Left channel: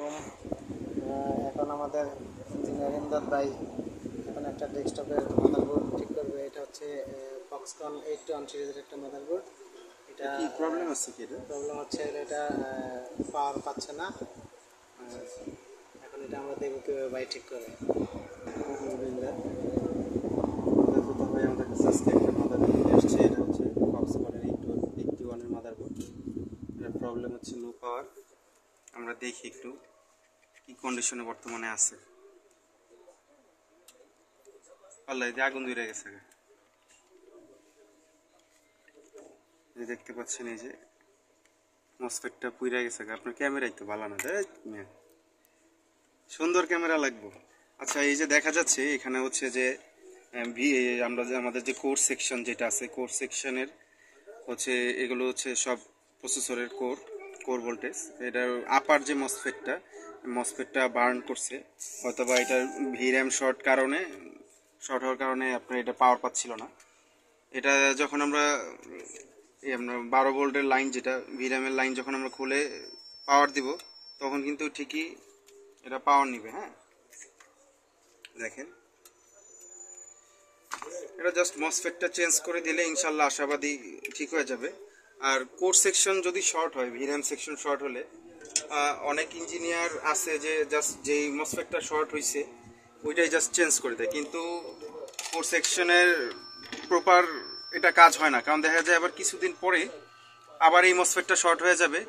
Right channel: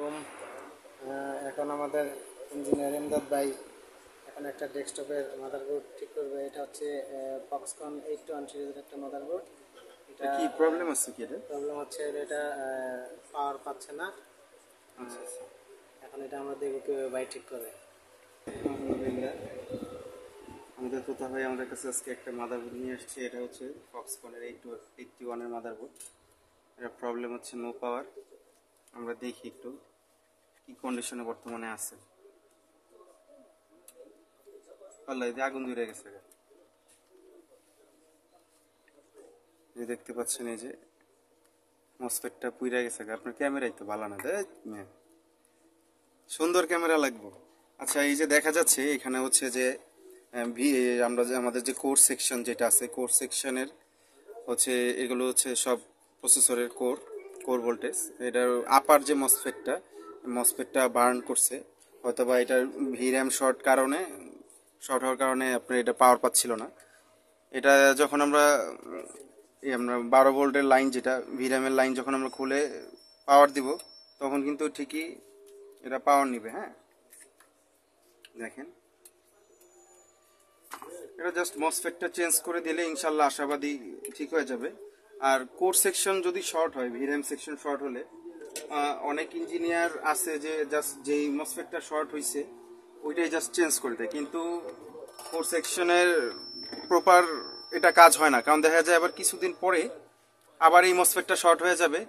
আলাইকুম। এখন আমাদের ইঞ্জিনিয়ার ইমদাদ ভাই এখন একটা ডেস্কটপের মাদারবোর্ড ঠিক করবে। এটা হচ্ছে ফক্সকন 821 সিরিজের একটা মাদারবোর্ড। এটা কি প্রবলেম আছে? কি এটা প্রবলেম হচ্ছে, এটা পাওয়ার পাচ্ছে না। এখন এটা আমরা দেখব কীভাবে ভাই ঠিক করে। আলহামদুলিল্লাহ, দেখো তা ভাই আমাদের কাছে আজকে একটা মাদারবোর্ড নিয়ে আসছে। এটা হচ্ছে ফক্সকনের 881-এর মাদারবোর্ড। এটা প্রবলেম হচ্ছে নো পাওয়ার। আমরা দেখি একটু কি কন্ডিশনে বর্তমানে আছে। আল্লাহ, এই যে আগুন ধরে গেছে। এই দেখতে পাচ্ছেন, এই যে মসফেটটা পুইরা গেছে। আপনার ক্যামেরাই তো ভালো না, তাই সুন্দর ক্যামেরা লাগবে। আচ্ছা, এই যে দেখা যাচ্ছে এখানে হচ্ছে যে আমরা যে আমাদের যে কোর সেকশন যেটা আছে, কোর সেকশনের হচ্ছে এগুলো হচ্ছে সব প্রসেসরের কোর ভোল্টেজ। এটার আপার যে মসফেটটা বার্ন করছে, অথবা এটার ভির্যাম শর্ট হওয়ার কারণে আপনার এটা পাওয়ার পাচ্ছিল না। এটা যখন আমরা 12 ভোল্টের লাইন, যেটা ভির্যামের লাইন, যখন আমরা খুলে পাওয়ার দিব, তখন কিন্তু ঠিকই এটা পাওয়ার নিবে। হ্যাঁ, দেখেন, এটা জাস্ট মসফেটটা চেঞ্জ করে দিলে ইনশাল্লাহ আশাবাদী ঠিক হয়ে যাবে। আর কোর সেকশন যদি শর্ট হয়, ভির্যাম সেকশন শর্ট হলে অনেক ইঞ্জিনিয়ার আছে যে জাস্ট যেই মসফেটটা শর্ট হয়েছে ওইটাই জাস্ট চেঞ্জ করে দেয়, কিন্তু কোর সেকশনের প্রপার এটা কাজ হয় না। কারণ দেখা যায় আবার কিছুদিন পরে আবার এই মসফেটটা শর্ট হয়ে যাবে।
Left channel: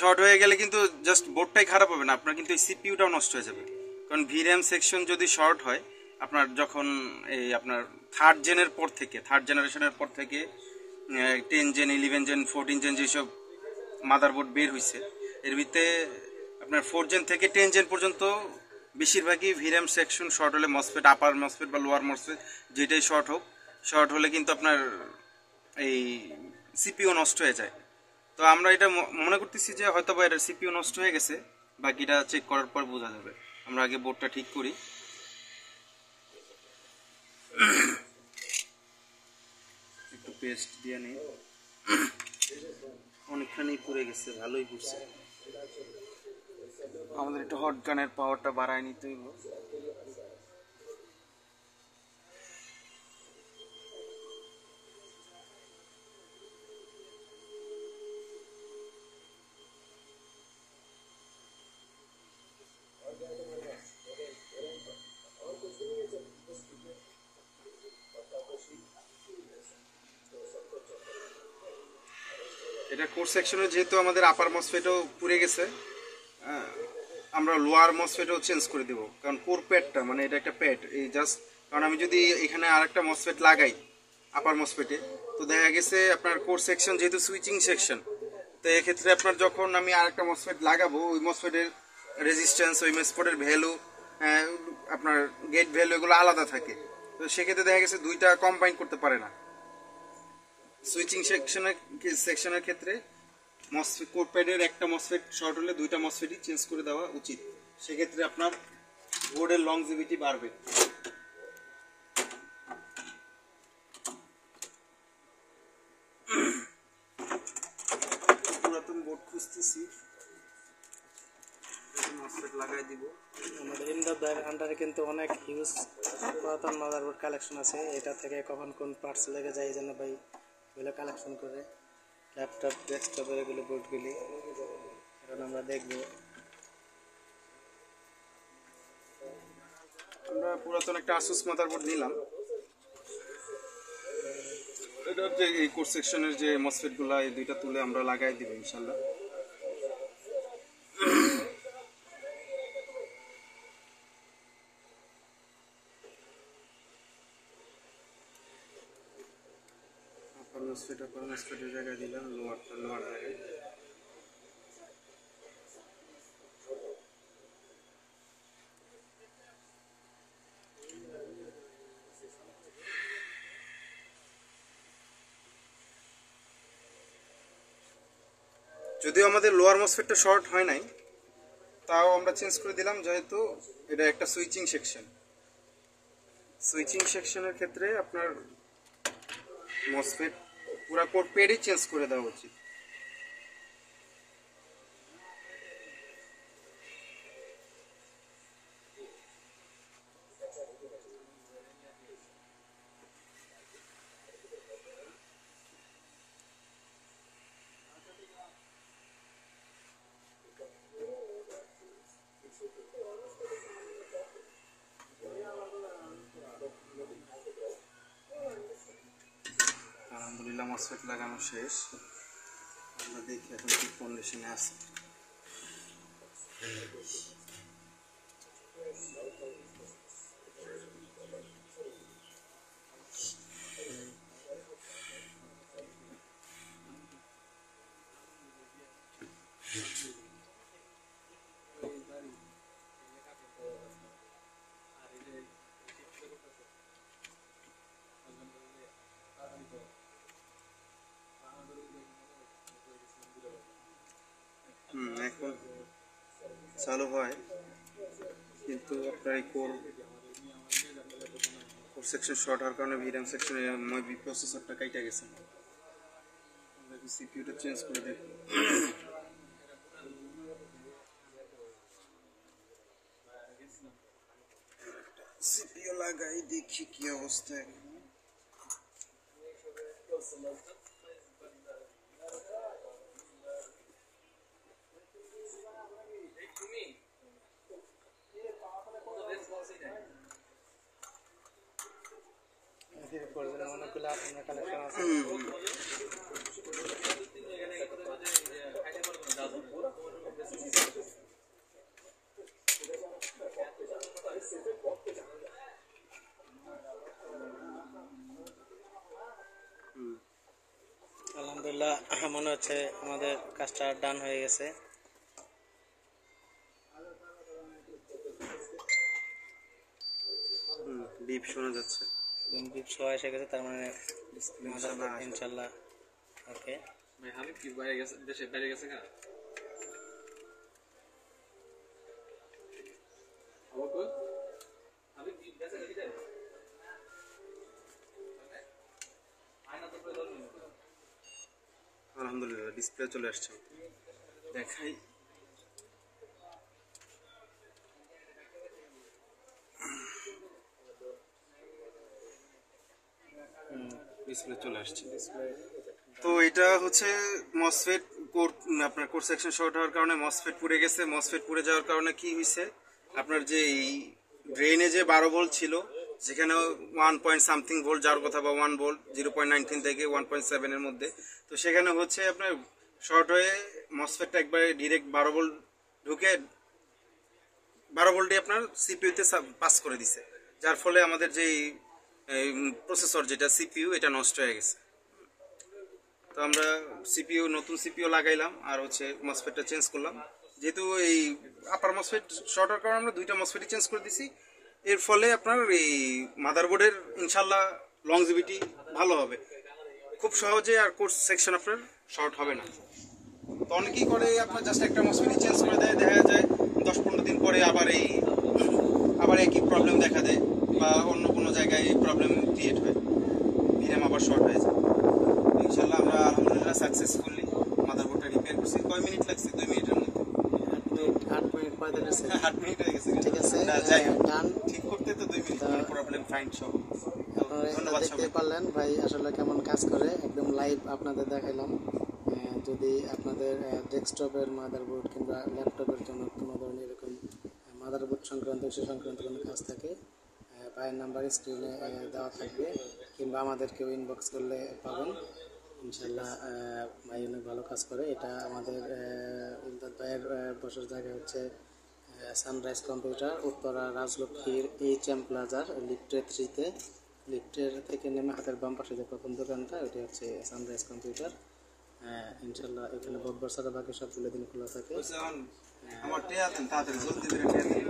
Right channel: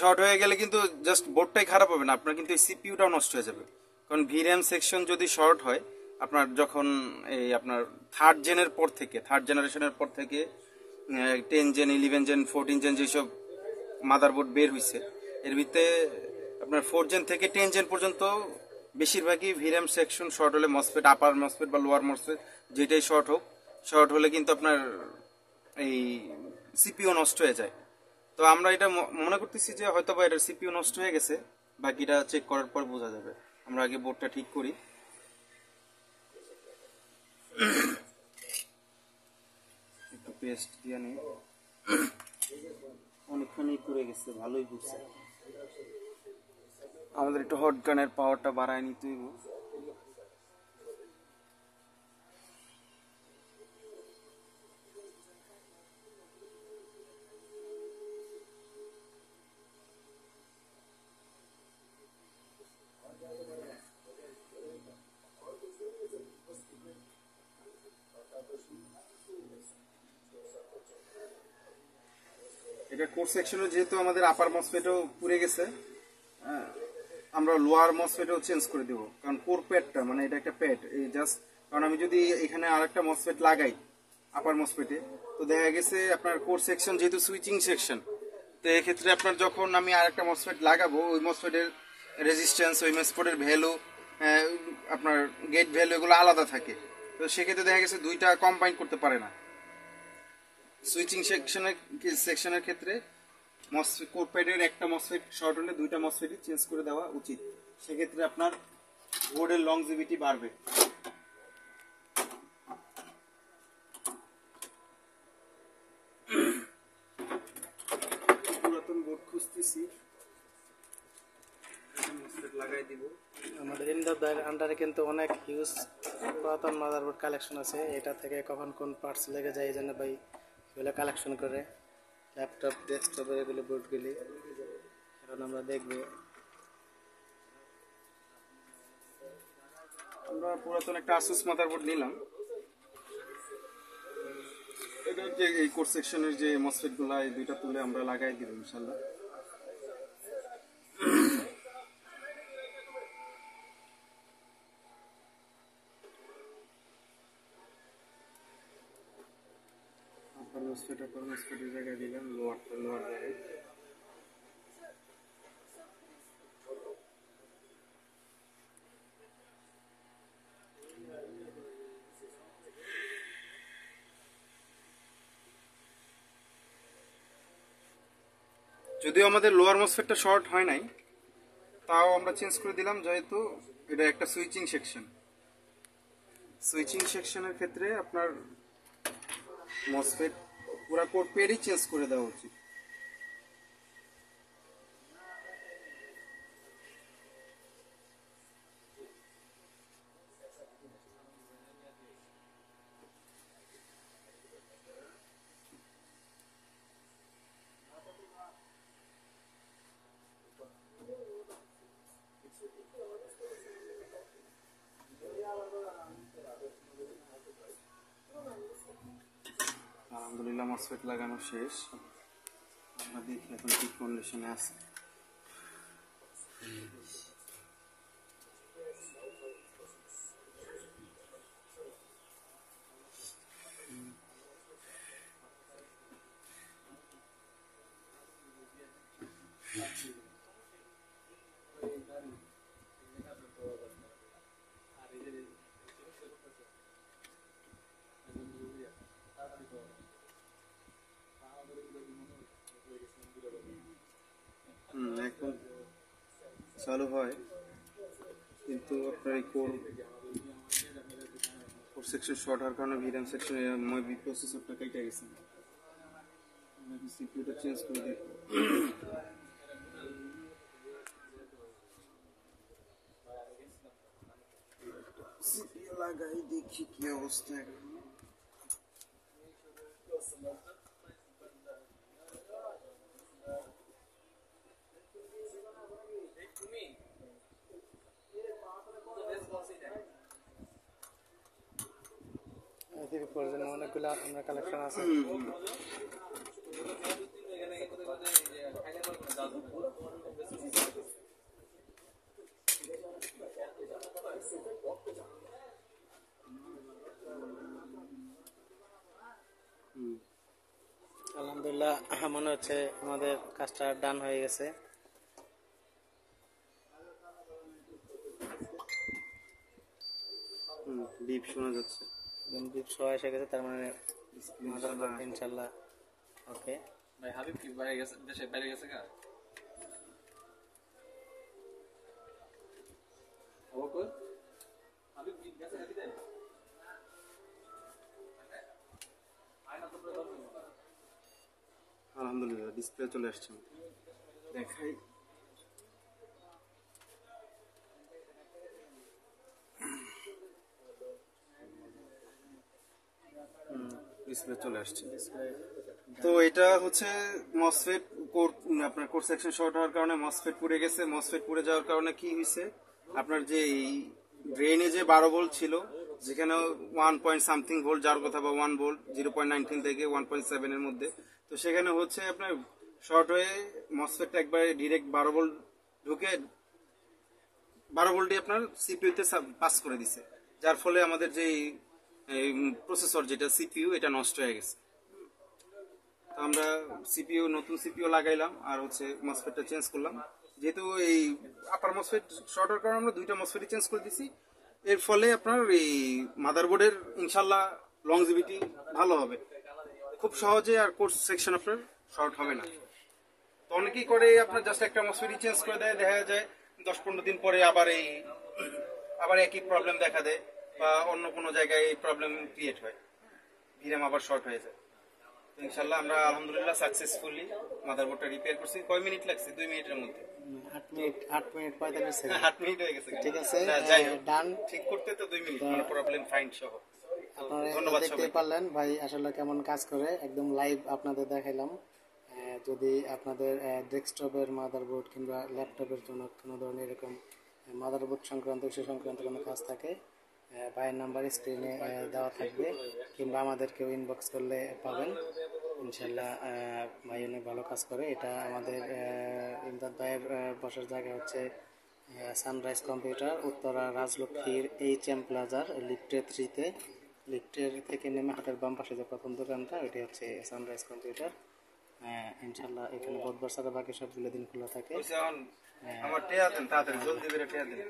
শর্ট হয়ে গেলে কিন্তু জাস্ট বোর্ডটাই খারাপ হবে না, আপনার কিন্তু এই সিপিইউটাও নষ্ট হয়ে যাবে। কারণ ভির্যাম সেকশন যদি শর্ট হয়, আপনার যখন এই আপনার থার্ড জেনারেশনের পর থেকে 10 জেন, 11 জেন, 14 জেন যেসব মাদারবোর্ড বের হয়েছে, এর ভিতরে আপনার 4 জেন থেকে 10 জেন পর্যন্ত বেশিরভাগই ভির্যাম সেকশন শর্ট হলে, মসফেট আপার মসফেট বা লোয়ার মসফেট যেটাই শর্ট হলে কিন্তু আপনার এই সিপিইউ নষ্ট হয়ে যায়। তো আমরা এটা মনে করতেছি যে হয়তো বা এটার সিপিইউ নষ্ট হয়ে গেছে, বাকিটা চেক করার পর বোঝা যাবে। আমরা আগে বোর্ডটা ঠিক করি। একটু পেস্ট দিয়ে নিই। অনেকখানি পুড়ে গেছে, ভালোই পুড়ছে। আমাদের একটু হট গানের পাওয়ারটা বাড়ায় নিতে হইব। এটা কোর সেকশনে যেহেতু আমাদের আপার মসফেটও পুড়ে গেছে, আমরা লোয়ার মসফেটও চেঞ্জ করে দেবো। কারণ কোর প্যাডটা, মানে এটা একটা প্যাড, এই জাস্ট, কারণ আমি যদি এখানে আরেকটা মসফেট লাগাই আপার মসফেটে, তো দেখা গেছে আপনার কোর সেকশন যেহেতু সুইচিং সেকশন, তো এক্ষেত্রে আপনার যখন আমি আরেকটা মসফেট লাগাবো, ওই মসফেটের রেজিস্ট্যান্স, ওই মসফেটের ভ্যালু, আপনার গেট ভ্যালু, এগুলো আলাদা থাকে। তো সেক্ষেত্রে দেখা গেছে দুইটা কম্বাইন করতে পারে না। সুইচিং সেকশনের ক্ষেত্রে মসফেট কোর প্যাডের একটা মসফেট শর্ট হলে দুইটা মসফেটই চেঞ্জ করে দেওয়া উচিত। সেক্ষেত্রে আপনার বোর্ডের লংজিভিটি বাড়বে। পুরাতন বোর্ড খুঁজতেছি, মসফেট লাগাই দিব। আমাদের ইমদাদ ভাইয়ের আন্ডারে কিন্তু অনেক হিউজ পুরাতন মাদারবোর্ড কালেকশন আছে। এটা থেকে কখন কোন পার্টস লেগে যায় এই জন্য ভাই এগুলো কালেকশন করে, ল্যাপটপ, ডেস্কটপের এগুলো বোর্ডগুলি এখন আমরা দেখব। আমরা পুরাতন একটা আসুস মাদারবোর্ড নিলাম। এটা যে এই কোর সেকশনের যে মসফেটগুলো, এই দুইটা তুলে আমরা লাগাই দিব ইনশাল্লাহ। আপার মসফেটের জায়গায় দিলাম, লোয়ার জায়গায়। যদিও আমাদের লোয়ার মসফেটটা শর্ট হয় নাই, তাও আমরা চেঞ্জ করে দিলাম, যেহেতু এটা একটা সুইচিং সেকশনের ক্ষেত্রে আপনার মসফেট পুরা কোর প্যাডই চেঞ্জ করে দেওয়া উচিত। মসফেট লাগানো শেষ। আমরা দেখি এখন কি কন্ডিশনে আছে। এখন চালু হয়, কিন্তু আপনার এই কোর সেকশন শর্ট হওয়ার কারণে ভিরাম সেকশনে মই প্রসেসরটা কাইটা গেছে। সিপিইউটা চেঞ্জ করে দেখো। সিপিইউ লাগাই দেখি কি অবস্থা। এদিকে প্রয়োজনে অনেকগুলো আপনার কালেকশন আছে। আলহামদুলিল্লাহ, মনে হচ্ছে আমাদের কাজটা ডান হয়ে গেছে। বিপ শোনা যাচ্ছে, বিপ শো এসে গেছে, তার মানে ইনশাল্লাহ ওকে। ভাই হাবিব কি বাইরে গেছে, দেশে বাইরে গেছে কা? হাবিব কি গেছে নাকি দেন? আলহামদুলিল্লাহ ডিসপ্লে চলে আসছে, দেখাই। ডিসপ্লে চলে আসছে। তো এটা হচ্ছে মসফেট কোর, আপনার কোর সেকশন শর্ট হওয়ার কারণে মসফেট পুড়ে গেছে। মসফেট পুড়ে যাওয়ার কারণে কি হয়েছে, আপনার যে এই ড্রেনে যে 12 ভোল্ট ছিল, যেখানে 1 পয়েন্ট সামথিং ভোল্ট যাওয়ার কথা, বা 1 ভোল্ট 0.19 থেকে 1.7 এর মধ্যে, তো সেখানে হচ্ছে আপনার শর্ট হয়ে মসফেটটা একবারে ডিরেক্ট 12 ভোল্ট ঢুকে 12 ভোল্টই আপনার সিপিইউতে পাস করে দিছে, যার ফলে আমাদের যে প্রসেসর যেটা সিপিইউ এটা নষ্ট হয়ে গেছে। তো আমরা সিপিইউ নতুন সিপিইউ লাগাইলাম আর হচ্ছে মসফেটটা চেঞ্জ করলাম। যেহেতু এই আপার মসফেট শর্ট হওয়ার কারণে আমরা দুইটা মসফেটই চেঞ্জ করে দিছি। এর ফলে আপনার এই মাদারবোর্ডের ইনশাল্লাহ লংজিভিটি ভালো হবে, খুব সহজে আর কোর্স সেকশন আপনার শর্ট হবে না। তো অনেকেই করে আপনার জাস্ট একটা মসফেটই চেঞ্জ করে দেয়, দেখা যায় 10-15 দিন পরে আবার একই প্রবলেম দেখা দেয়, বা অন্য কোনো জায়গায় প্রবলেম ক্রিয়েট হয়, ভিরাম আবার শর্ট হয়ে যায়। ইনশাল্লাহ আমরা আলহামদুলিল্লাহ সাকসেসফুলি মাদারবোর্ডটা রিপেয়ার করছি। কয় মিনিট লাগছে? 2 মিনিটের মধ্যে। 8 মিনিট 45 সেকেন্ড। 8 মিনিট হয়ে গেছে। ঠিক আছে, যাই হোক, ডান। ঠিক করতে তো 2 মিনিট, কোনো প্রবলেম ফাইন্ড সব। আপনারা দেখতে পারলেন ভাই আসলে কেমন কাজ করে, একদম লাইভ আপনাদের দেখাইলাম। যদি আপনাদের ডেস্কটপের মাদারবোর্ড কিংবা ল্যাপটপের জন্য কোনো ধরনের এরকম মাদারবোর্ড সংক্রান্ত ইস্যু সংক্রান্ত কোনো কাজ থাকে, ভাইয়ের নাম্বার স্ক্রিনে দেওয়া থাকবে, কিংবা আমাদেরকেও ইনবক্স করলে পাবেন। ইনশাল্লাহ ভাই অনেক ভালো কাজ করে। এটা আমাদের ইমদাদ ভাইয়ের বসার জায়গা হচ্ছে সানরাইজ কম্পিউটার, উত্তরা রাজলক্ষ্মীর HM প্লাজার লিফটের 3-তে। লিফটের থেকে নেমে হাতের বাম পাশে যে প্রথম দোকানটা, ওইটি হচ্ছে সানরাইজ কম্পিউটার। ইনশাল্লাহ এখানে বুধবার ছাড়া বাকি সবগুলো দিন খোলা থাকে। আমার টেয়া দেন, তাড়াতাড়ি জলদি করে টেয়া দেন।